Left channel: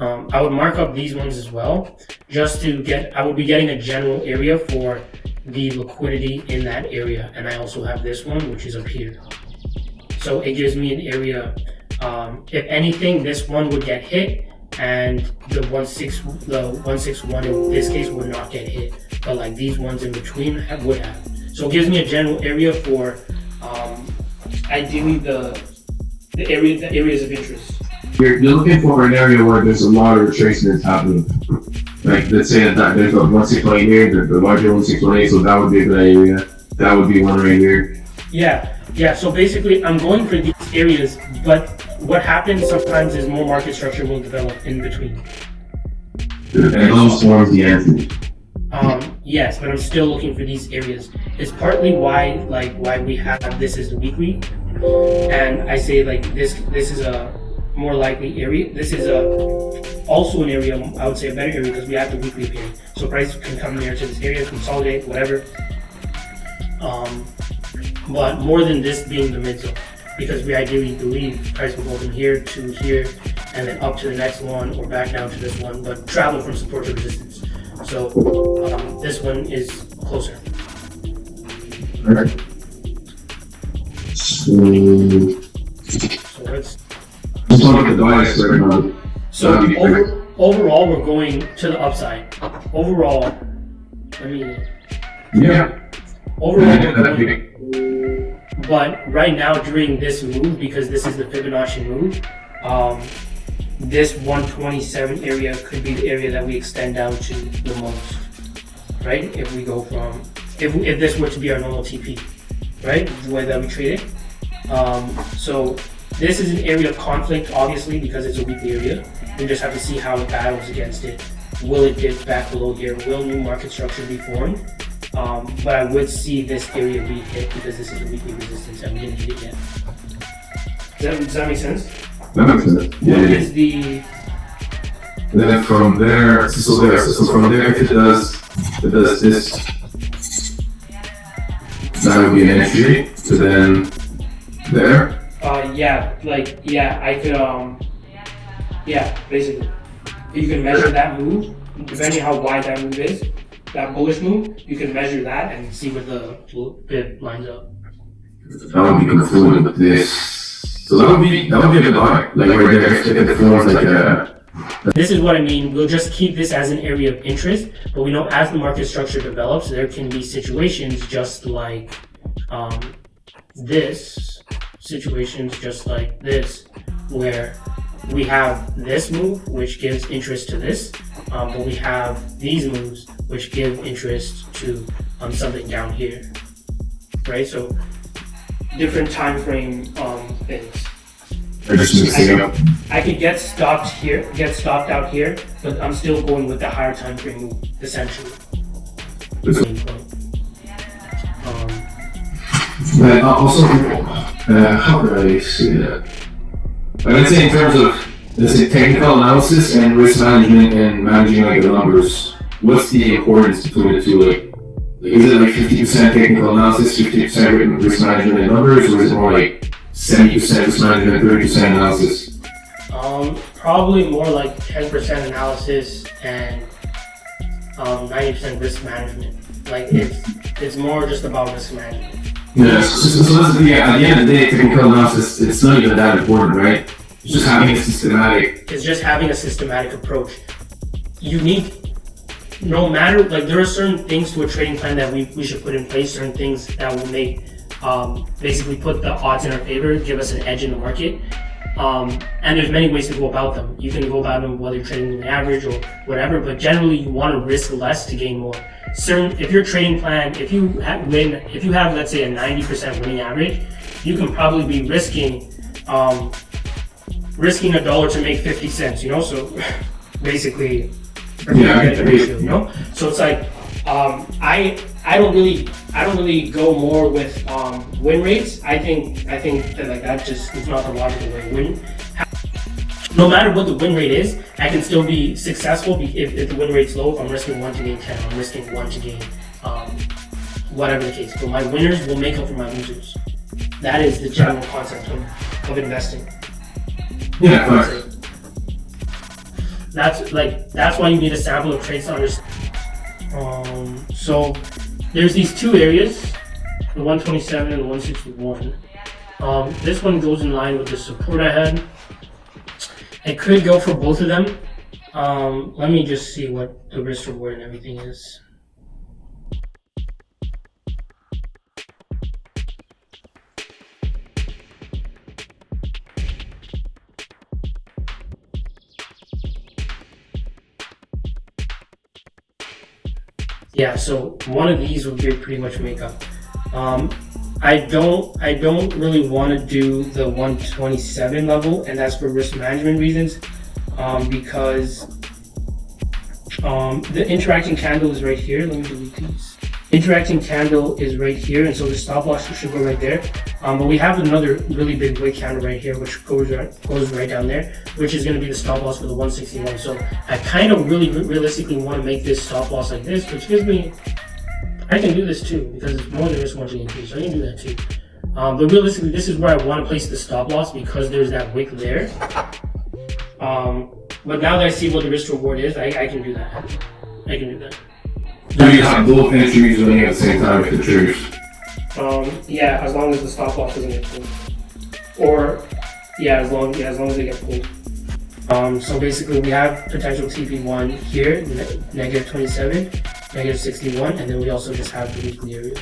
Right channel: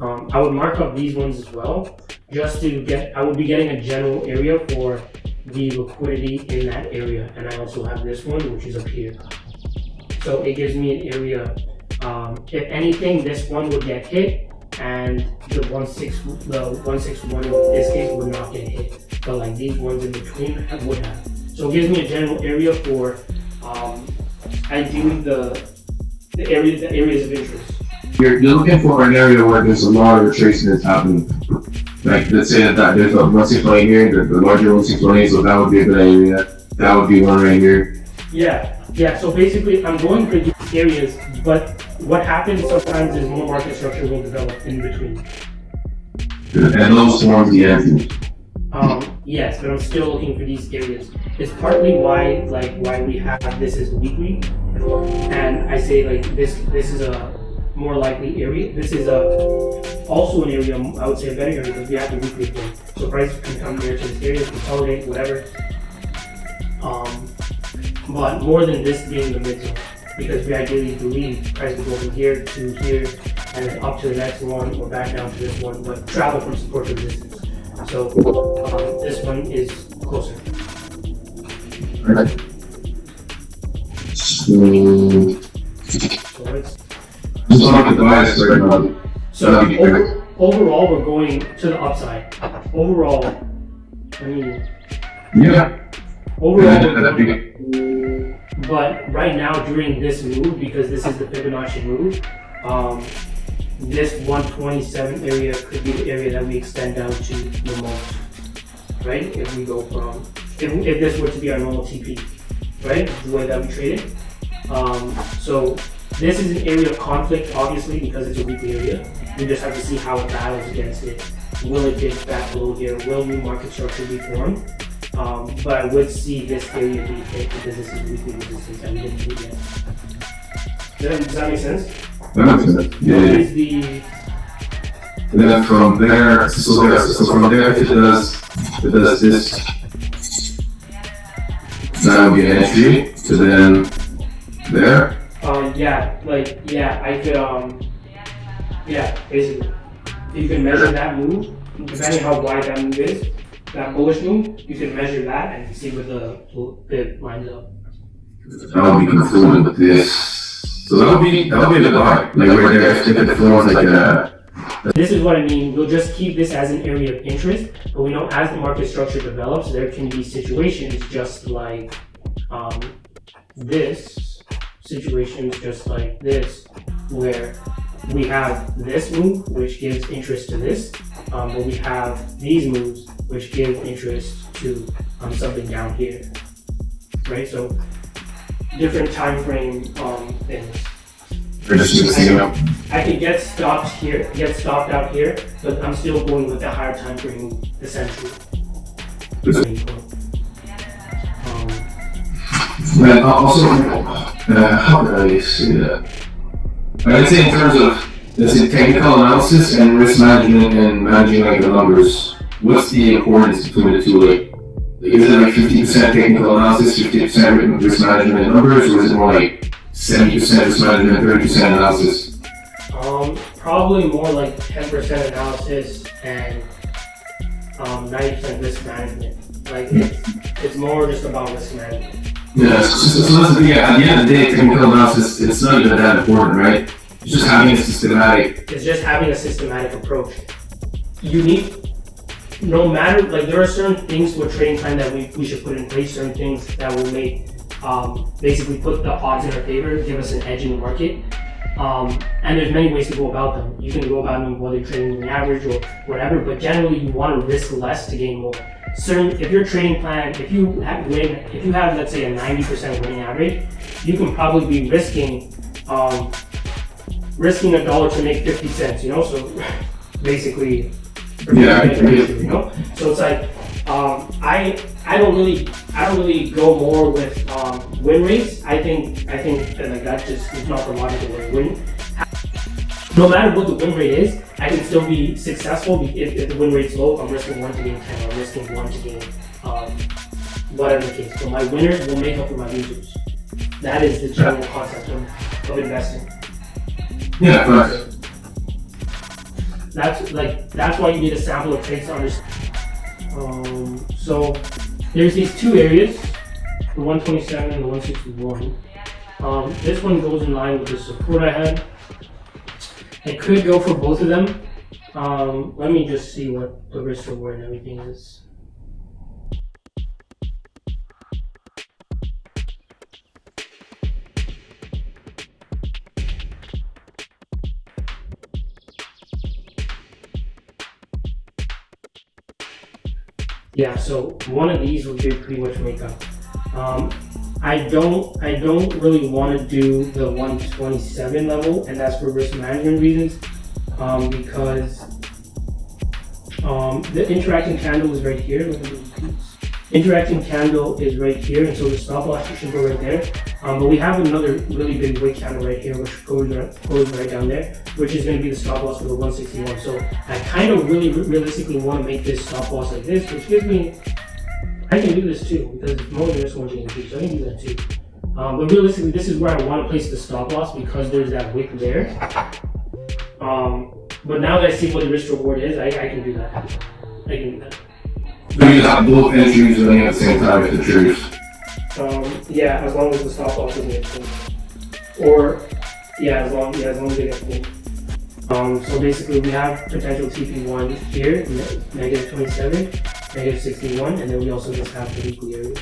I would mark up these ones as well, just to get, I would be getting a general area for the liquidity in that area. And I also have this one, which is up here. So it gives me an area, if anything, this one would get hit, and the 161 in this case would not get hit. But like these ones in between would have. So it gives me a general area for ideally the areas of interest. You're looking for an area where there's a lot of retracement happening. Like let's say that there's a 161 here, the larger 161, so that would be a good area. That would be one right here. Yeah. So basically, I'm going for these areas, but what happens sometimes is more market structure will develop in between. And those forms the entry. Yes, but I'm still looking for these areas. It's partly why we have this as the weekly, and I say like this is a more likely area. This is also an area, I would say a better area because we have the weekly pin. So prices can come here to this area, consolidate, whatever. But more than this being the mid zone, because we ideally believe price will go from here to here and then up to the next one or back down to this one, but travel from support to resistance. So this one is closer. Alright. So overall, we're going to the upside. Overall, but right now during this move, because this is the Fibonacci move, this 127 area could be the area that we extend out to the most, right? If we go from, if this were to be our normal TP, right? The way that we trade it. So this is an area of conflict, obviously, because it's a weekly area. We just have to see how it battles against it. Will it dip back below here? Will new market structure be formed? But I would see this area be hit because this is a weekly resistance and we didn't hit yet. Does that make sense? That makes sense. Yeah. Then from there, so from there, if it does this, that would be an entry. So then there. I could, basically. You can measure that move, depending how wide that move is, that bullish move, you can measure that and see where the bid lines up. That would be confluent with this. So that would be a good buy. Like right there, if it forms like a... This is what I mean. We'll just keep this as an area of interest, but we know as the market structure develops, there can be situations just like this, where we have this move, which gives interest to this, but we have these moves, which give interest to something down here, right? So different time frame things. I can get stopped out here, but I'm still going with the higher time frame move, essentially. But also, how could I say that? I would say in terms of, let's say, technical analysis and risk management and managing like the numbers, what's the importance between the two? Like, is it like 50% technical analysis, 50% risk management and numbers, or is it more like 70% risk management, 30% analysis? Probably more like 10% analysis and 90% risk management. Like it's more just about risk management. Yeah, so at the end of the day, technical analysis, it's not even that important, right? It's just having a systematic approach. You need, no matter, like there are certain things to a trading plan that we should put in place, certain things that will make, basically put the odds in our favor, give us an edge in the market. And there's many ways to go about them. You can go about them whether you're trading on the average or whatever, but generally you want to risk less to gain more. If your trading plan, if you have let's say a 90% winning average, you can probably be risking $1 to make 50 cents, you know? So basically, you know? So it's like, I don't really go more with win rates. I think that like that just is not the logical way to win. No matter what the win rate is, I can still be successful if the win rate's low. If I'm risking 1 to gain 10, I'm risking 1 to gain whatever the case. But my winners will make up for my losers. That is the general concept of investing. Yeah, that's why you need a sample of traits to understand. So there's these two areas, the 127 and the 161. This one goes in line with the support I had. It could go for both of them. Let me just see what the risk reward and everything is. Yeah, so one of these would pretty much make up. I don't really want to do the 127 level, and that's for risk management reasons, because the interacting candle is right here. Let me delete these. Interacting candle is right here, and so the stop loss should go right there. But we have another really big white candle right here, which goes right down there, which is going to be the stop loss for the 161. So I kind of really realistically want to make this stop loss like this, which gives me, I can do this too, because it's more than risk margin increase, so I can do that too. But realistically, this is where I want to place the stop loss because there's that wick there. But now that I see what the risk reward is, I can do that. I can do that. Do you have both entries running at the same time if it triggers? Yeah, as long as the stop loss doesn't get pulled. Or, as long as they get pulled. So basically we have potential TP1 here, negative 27, negative 61, and then we also just have the weekly area.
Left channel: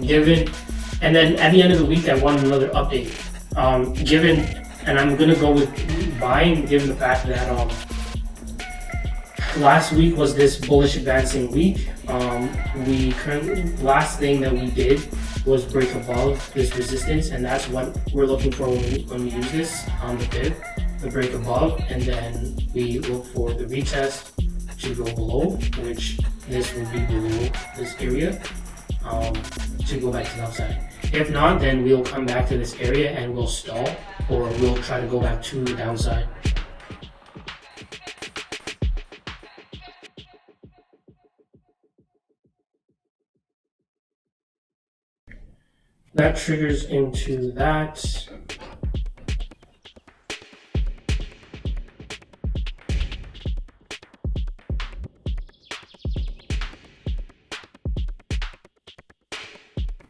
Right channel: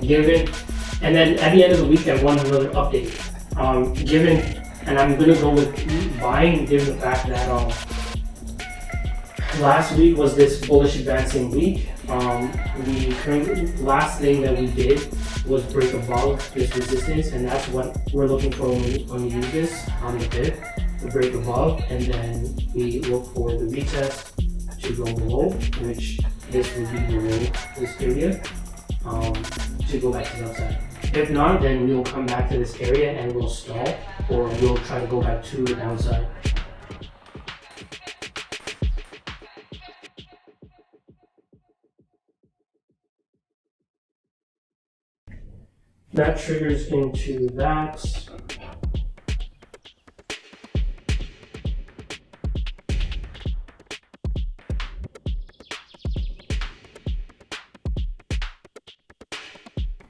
Given, and then at the end of the week I want another update. Given, and I'm gonna go with buying, given the fact that last week was this bullish advancing week. Last thing that we did was break above this resistance, and that's what we're looking for when we use this on the dip, the break above, and then we look for the retest to go below, which this will be below this area. To go back to the upside. If not, then we'll come back to this area and we'll stall, or we'll try to go back to the downside. That triggers into that.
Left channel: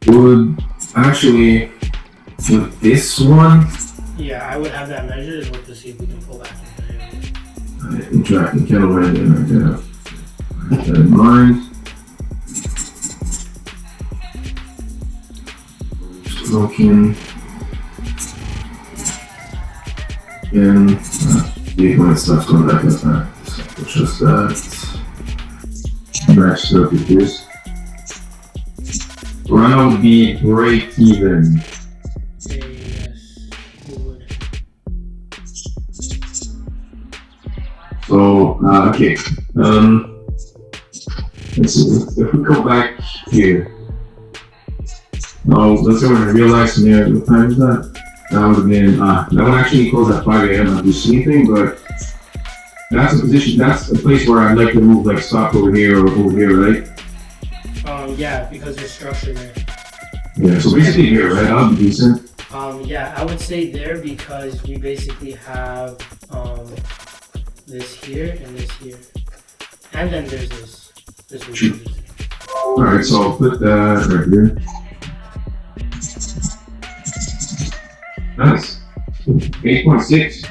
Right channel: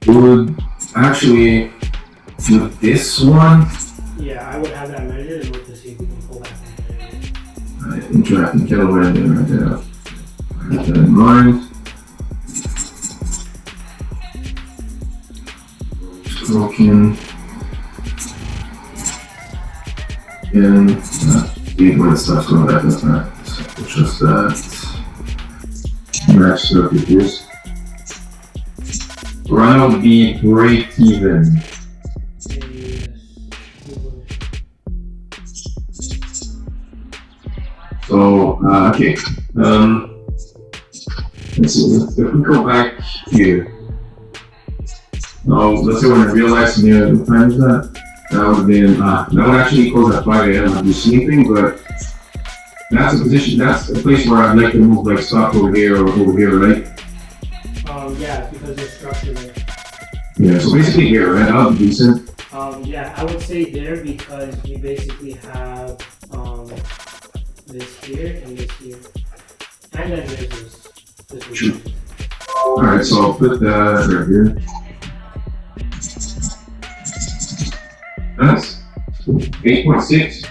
Would actually, with this one, yeah, I would have that measured and look to see if we can pull back. Interacting candle right there. Keep that in mind. Broken. And leave my stuff going back in time. It's just that. Match up with this. Round B break even. Yes, we would. So, okay. Let's see, if we go back here. Now, let's go in a real life scenario. What time is that? That would have been, that would actually close at 5 a.m. after sleeping, but that's a position, that's a place where I'd like to move like stock over here or over here, right? Yeah, because there's structure there. Yeah, so basically here, right? That would be decent. Yeah, I would say there because we basically have this here and this here. And then there's this. Alright, so I'll put that right here. That's 8.6.